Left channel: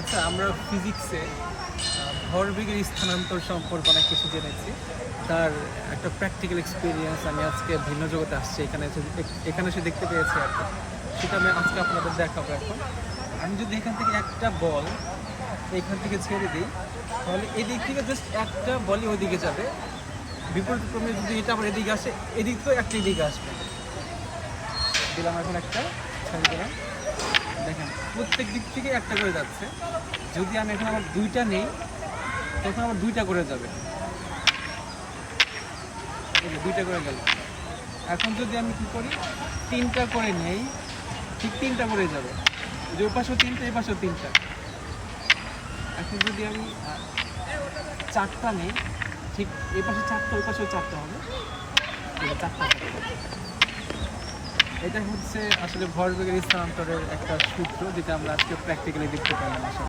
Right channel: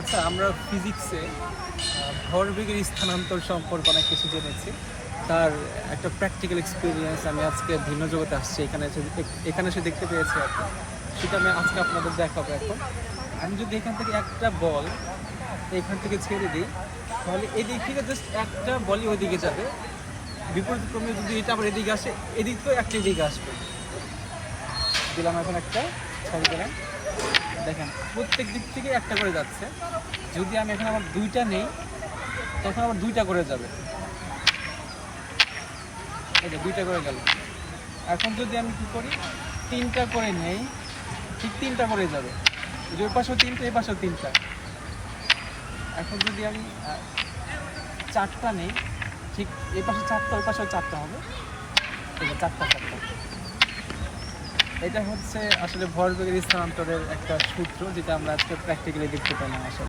আচ্ছা, আমরা ফিজিক্সে ভরবেগের স্থানান্তর সম্পর্কে অনেক কিছু জেনেছি। তার একটা প্র্যাকটিক্যাল এক্সপিরিয়েন্স আমি আজকে ভিন্ন জগতে আসছি, এখানে এসে দেখতে পেয়েছি আর কি। সেটা আমি আজকে আপনাদের দেখাবো। এখন আমি যদি এখান থেকে একটা বল এখান থেকে ছেড়ে দিই, তাহলে এদিক থেকে জাস্ট একটা বলই ওইদিকে যাবে। বিপরীত ক্রমে যদি এটা আবার এদিকে আসে, এদিক তো একটা এদিকে আসবে। দিলাম এখন একটা, ছাড়িয়ে দিলাম। দেখেন প্রত্যেক দিক থেকে একটা করে যাচ্ছে। যদি আমি এখন আবার দুইটা নেই, তখন আবার দুইটা করে যাবে। এই যে দুইটা করে গেল। এখন যদি আমি কি করি, তিনটা করে নেই, ঠিক তিনটা করে যাবে। ওই পাশেও তিনটা, এই পাশেও তিনটা। এখন যদি আমি চারটা নেই, ঠিক এই পাশে চারটা, ওই পাশেও চারটা হবে। এই যে চারটা চারটা। এটা হচ্ছে আসলে ভরবেগের স্থানান্তরের একটা সূত্র, যেটা আমরা আজকে প্র্যাকটিক্যালি দেখতে পাইলাম আসলে।